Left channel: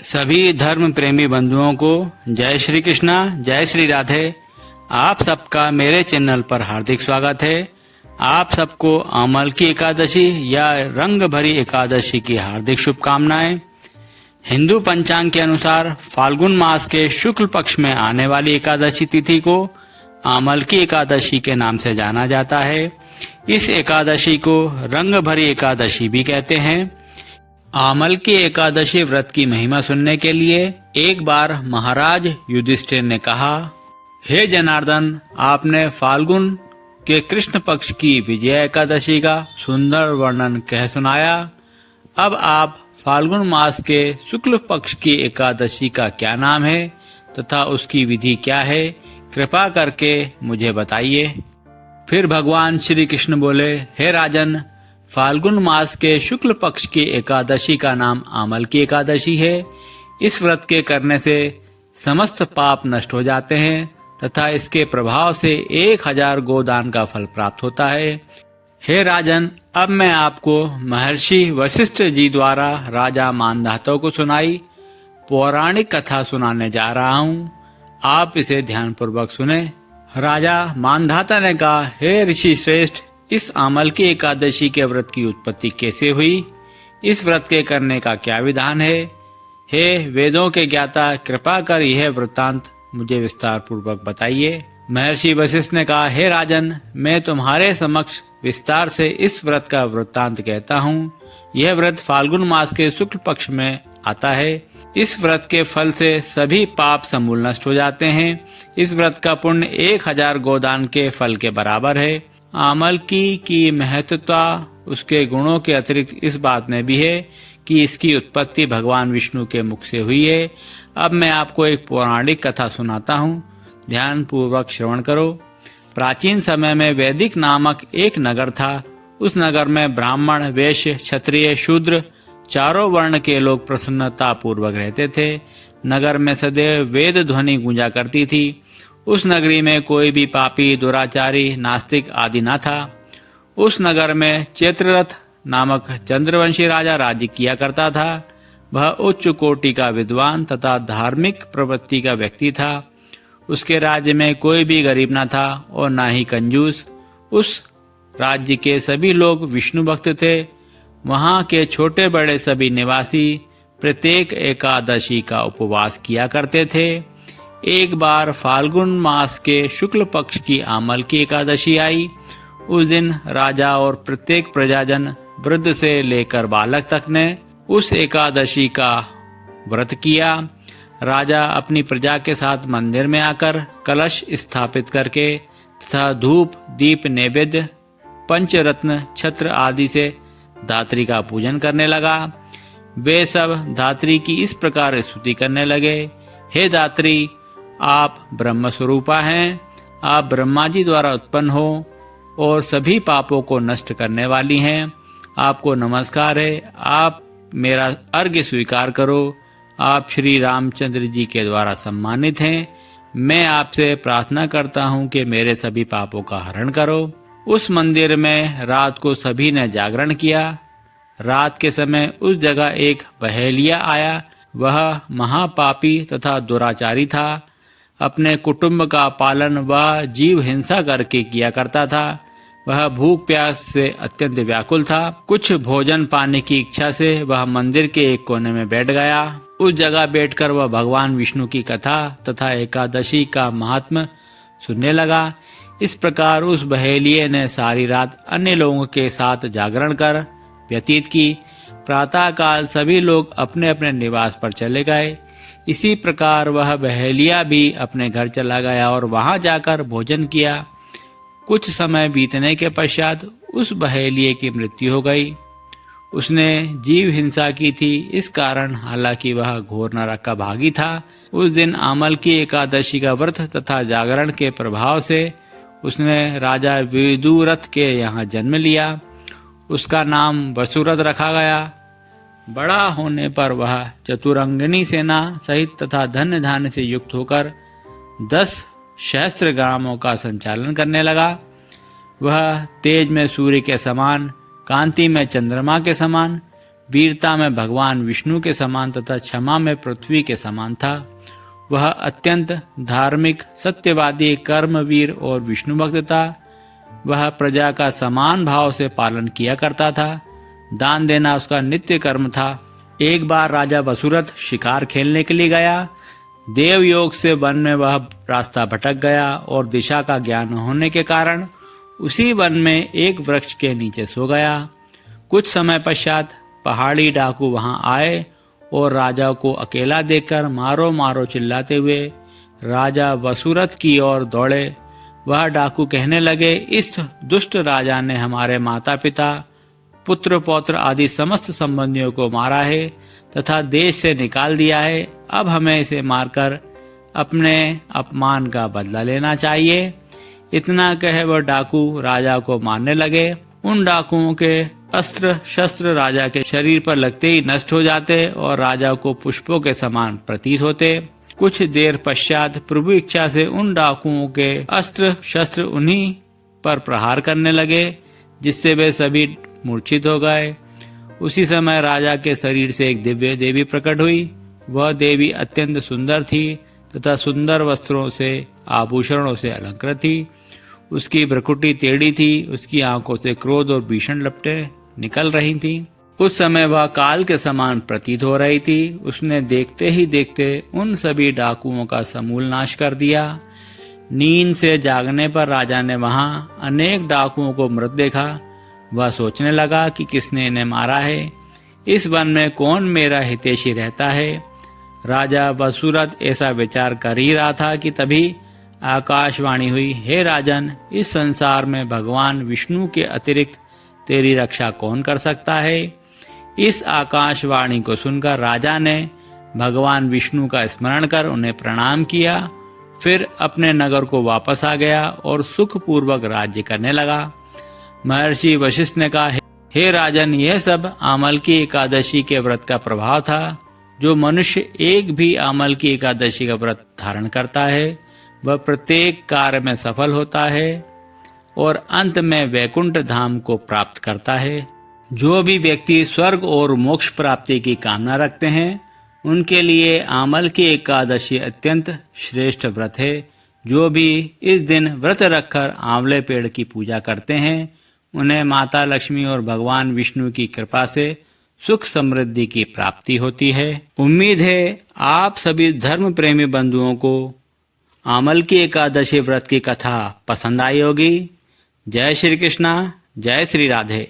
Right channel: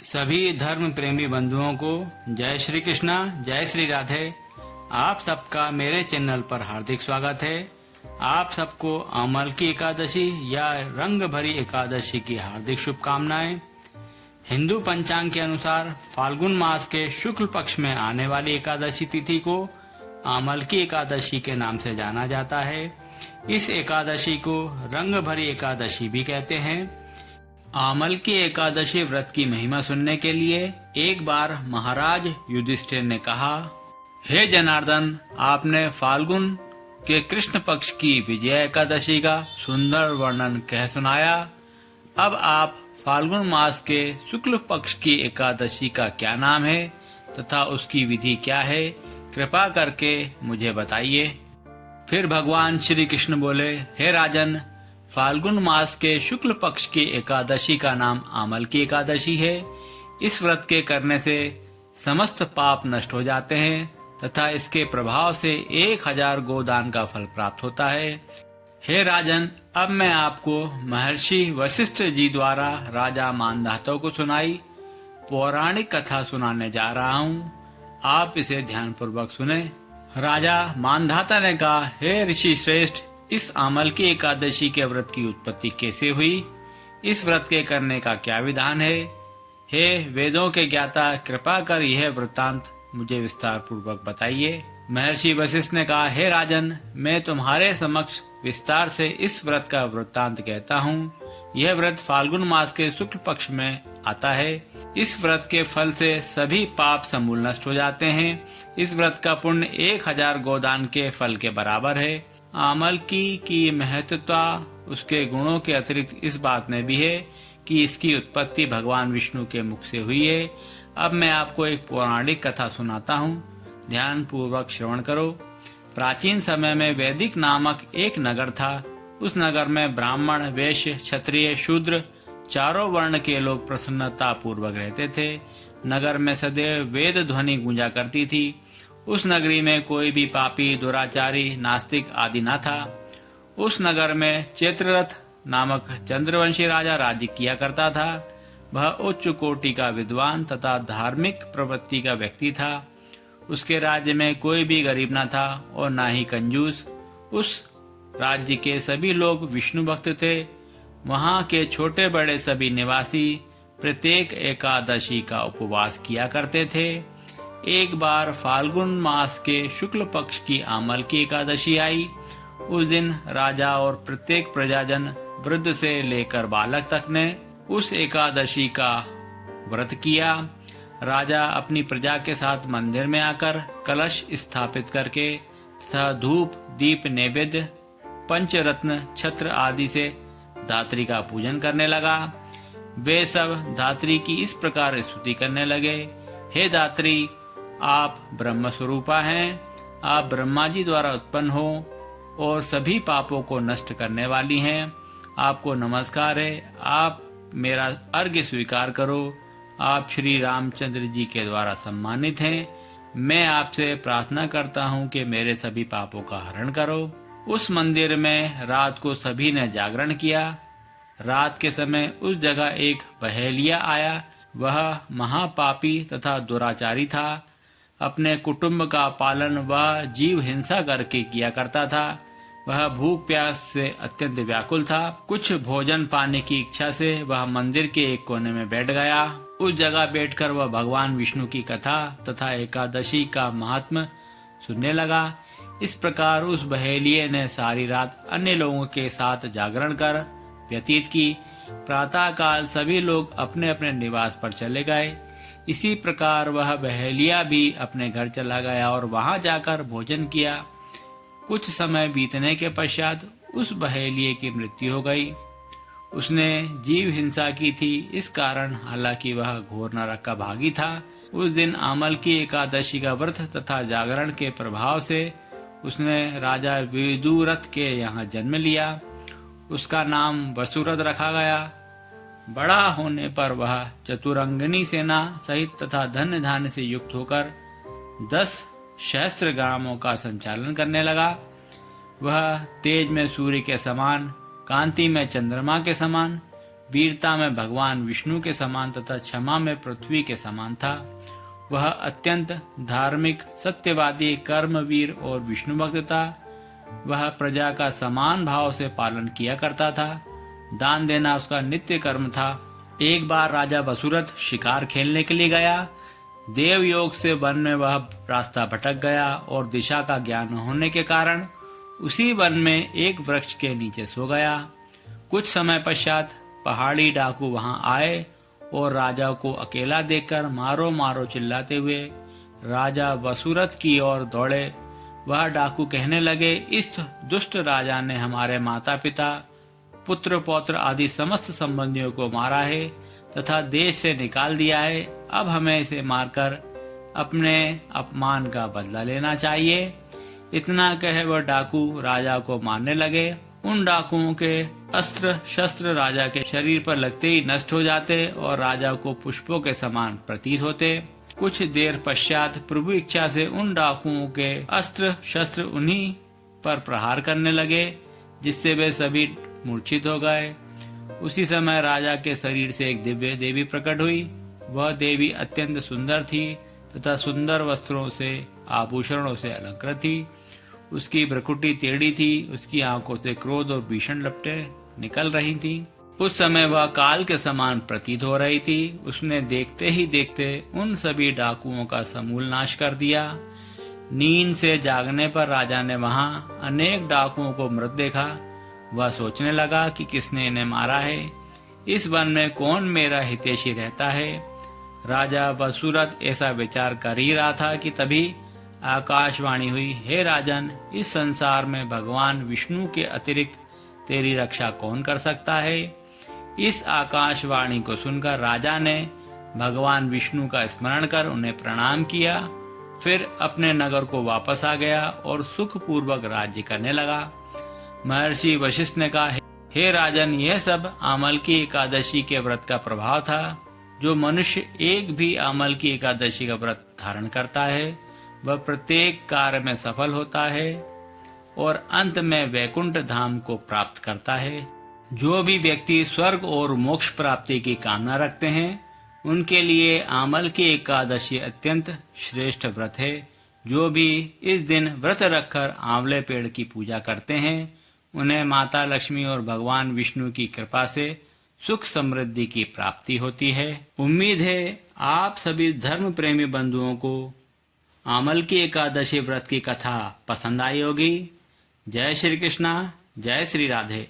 सभी धर्म प्रेमी बंधुओं को जय श्री कृष्णा, जय श्री राधे। आप सबका मेरे चैनल पर हार्दिक स्वागत है। आप सबको अमल की एकादशी या रंग भरी एकादशी की हार्दिक शुभकामनाएं। हिंदू पंचांग के अनुसार फाल्गुन मास के शुक्ल पक्ष में आने वाली एकादशी तिथि को अमल की एकादशी के नाम से जाना जाता है। इस एकादशी को रंग भरी एकादशी भी कहते हैं। आमल की एकादशी व्रत की महिमा सुनने के लिए एक बार महाराज युधिष्ठिर ने कहा, हे जनार्दन, आपने फाल्गुन के कृष्ण पक्ष की विजय एकादशी का सुंदर वर्णन कह सुनाया। अब आप फाल्गुन मास के शुक्ल पक्ष की एकादशी का क्या नाम है तथा उसकी विधि क्या है, कृपा करके मुझे बताइए। फिर भगवान श्री कृष्ण बोले, हे राजन, फाल्गुन मास के शुक्ल पक्ष की एकादशी का नाम आमल की एकादशी है। इस व्रत के करने से समस्त पाप नष्ट हो जाते हैं तथा इसके प्रभाव से 1000 गोदान का फल प्राप्त होता है। हे राजन, अब मैं आपको महर्षि वशिष्ठ जी द्वारा राजा मानधाता को सुनाई पौराणिक कथा सुनाने जा रहा हूँ। आप इसे ध्यानपूर्वक सुने। राजा मानधाता ने कहा, हे ऋषि श्रेष्ठ, इस आमल की एकादशी के व्रत की उत्पत्ति कैसे हुई? इस व्रत के करने का क्या विधान है? हे वेदों के ज्ञाता, कृपा कर यह वृत्तांत मुझे विस्तार पूर्वक बताइए। महर्षि वशिष्ठ ने कहा, हे राजन, मैं तुम्हारे समक्ष विस्तार से इस व्रत का वृत्तांत कहता हूँ। यह व्रत फाल्गुन मास के शुक्ल पक्ष में आता है। इस व्रत के फल से सभी पाप समूल नष्ट हो जाते हैं। इस व्रत का पुण्य 1000 गोदान के फल के बराबर है। आमल की महत्वता उसके गुणों के अतिरिक्त इस बात में भी है कि इसकी उत्पत्ति भगवान विष्णु के मुख से हुई है। अब मैं आपको एक पौराणिक कथा सुनाता हूँ, ध्यान पूर्वक श्रवण करो। प्राचीन समय में वैदिक नामक एक नगर था। उस नगर में ब्राह्मण, वैश्य, क्षत्रिय, शूद्र चारों वर्ण के लोग प्रसन्नता पूर्वक रहते थे। नगर में सदैव वेद ध्वनि गूंजा करती थी। उस नगरी में कोई भी पापी, दुराचारी, नास्तिक आदि न था। उस नगर में चैत्ररथ नामक चंद्रवंशी राजा राज्य किया करता था। वह उच्च कोटि का विद्वान तथा धार्मिक प्रवृत्ति का व्यक्ति था। उसके राज्य में कोई भी गरीब न था और न ही कंजूस। उस राज्य के सभी लोग विष्णु भक्त थे। वहाँ के छोटे बड़े सभी निवासी प्रत्येक एकादशी का उपवास किया करते थे। एक बार फाल्गुन मास के शुक्ल पक्ष की आमल की एकादशी आई। उस दिन राजा और प्रत्येक प्रजाजन, वृद्ध से लेकर बालक तक ने उस एकादशी का व्रत किया। राजा अपनी प्रजा के साथ मंदिर में आकर कलश स्थापित करके तथा धूप, दीप, नैवेद्य, पंचरत्न, छत्र आदि से धात्री का पूजन करने लगा। वे सब धात्री की इस प्रकार स्तुति करने लगे, हे धात्री, आप ब्रह्म स्वरूपा हैं। आप ब्रह्मा जी द्वारा उत्पन्न हो और सभी पापों को नष्ट करने वाली हैं। आपको नमस्कार है। आप मेरा अर्घ्य स्वीकार करो। आप श्री रामचंद्र जी के द्वारा सम्मानित हैं। मैं आपसे प्रार्थना करता हूँ कि मेरे सभी पापों का हरण करो। उस मंदिर में रात को सभी ने जागरण किया। रात के समय उस जगह एक बहेलिया आया। वह महापापी तथा दुराचारी था। अपने कुटुंब का पालन वह जीव हिंसा करके किया करता था। वह भूख प्यास से अत्यंत व्याकुल था। कुछ भोजन पाने की इच्छा से वह मंदिर के एक कोने में बैठ गया। उस जगह बैठकर वह भगवान विष्णु की कथा तथा एकादशी का महात्म्य सुनने लगा। इस प्रकार उस बहेलिये ने सारी रात अन्य लोगों के साथ जागरण कर व्यतीत की। प्रातः काल सभी लोग अपने अपने निवास पर चले गए। इसी प्रकार वह बहेलिया भी अपने घर चला गया और वहां जाकर भोजन किया। कुछ समय बीतने के पश्चात उस बहेलिये की मृत्यु हो गई। उसने जीव हिंसा की थी, इस कारण हालांकि वह घोर नरक का भागी था। उस दिन आमल की एकादशी का व्रत तथा जागरण के प्रभाव से उसने राजा विदुरथ के यहाँ जन्म लिया। उसका नाम वसुरथ रखा गया। बड़ा होने पर वह चतुरंगिनी सेना सहित तथा धन्य धान्य से युक्त होकर 10 सहस्त्र ग्रामों का संचालन करने लगा। वह तेज में सूर्य के समान, कांति में चंद्रमा के समान, वीरता में भगवान विष्णु के समान तथा क्षमा में पृथ्वी के समान था। वह अत्यंत धार्मिक, सत्यवादी, कर्मवीर और विष्णु भक्त था। वह प्रजा का समान भाव से पालन किया करता था। दान देना उसका नित्य कर्म था। एक बार राजा वसुरथ शिकार खेलने के लिए गया। देव योग से वन में वह रास्ता भटक गया और दिशा का ज्ञान होने के कारण उसी वन में एक वृक्ष के नीचे सो गया। कुछ समय पश्चात पहाड़ी डाकू वहां आए और राजा को अकेला देखकर मारो मारो चिल्लाते हुए राजा वसुरथ की ओर दौड़े। वह डाकू कहने लगे, इस दुष्ट राजा ने हमारे माता पिता, पुत्र पौत्र आदि समस्त संबंधियों को मारा है तथा देश से निकाल दिया है। अब हमें इसे मारकर अपने अपमान का बदला लेना चाहिए। इतना कह वह डाकू राजा को मारने लगे। उन डाकुओं के अस्त्र शस्त्र राजा के शरीर पर लगते ही नष्ट हो जाते और राजा को पुष्पों के समान प्रतीत होते। कुछ देर पश्चात प्रभु इच्छा से उन डाकुओं के अस्त्र शस्त्र उन्हीं पर प्रहार करने लगे, जिससे वे सभी मूर्छित हो गए। उसी समय राजा के शरीर से एक दिव्य देवी प्रकट हुई। वह देवी अत्यंत सुंदर थी तथा सुंदर वस्त्रों से, आभूषणों से अलंकृत थी। उसकी भ्रुकुटी टेढ़ी थी। उसकी आंखों से क्रोध और भीषण लपटें निकल रही थी। उस समय वह काल के समान प्रतीत हो रही थी। उसने देखते ही देखते उन सभी डाकुओं का समूल नाश कर दिया। नींद से जागने पर राजा ने वहां अनेक डाकुओं को मृत देखा। वह सोचने लगा कि किसने इन्हें मारा है। इस वन में कौन मेरा हितैषी रहता है। राजा वसुरथ ऐसा विचार कर ही रहा था कि तभी आकाशवाणी हुई, हे राजन, इस संसार में भगवान विष्णु के अतिरिक्त तेरी रक्षा कौन कर सकता है। इस आकाशवाणी को सुनकर राजा ने भगवान विष्णु का स्मरण कर उन्हें प्रणाम किया। फिर अपने नगर को वापस आ गया और सुखपूर्वक राज्य करने लगा। महर्षि वशिष्ठ ने कहा, हे राजन, यह सब आमल की एकादशी के व्रत का प्रभाव था। जो मनुष्य एक भी आमल की एकादशी का व्रत धारण करता है वह प्रत्येक कार्य में सफल होता है और अंत में वैकुंठ धाम को प्राप्त करता है। जो भी व्यक्ति स्वर्ग और मोक्ष प्राप्ति की कामना रखते हैं उनके लिए आमल की एकादशी अत्यंत श्रेष्ठ व्रत है। जो भी इस दिन व्रत रखकर आंवले पेड़ की पूजा करते हैं उन्हें माता लक्ष्मी और भगवान विष्णु की कृपा से सुख समृद्धि की प्राप्ति होती है। उम्मीद है आप सभी धर्म प्रेमी बंधुओं को आमल की एकादशी व्रत की कथा पसंद आई होगी। जय श्री कृष्णा, जय श्री राधे।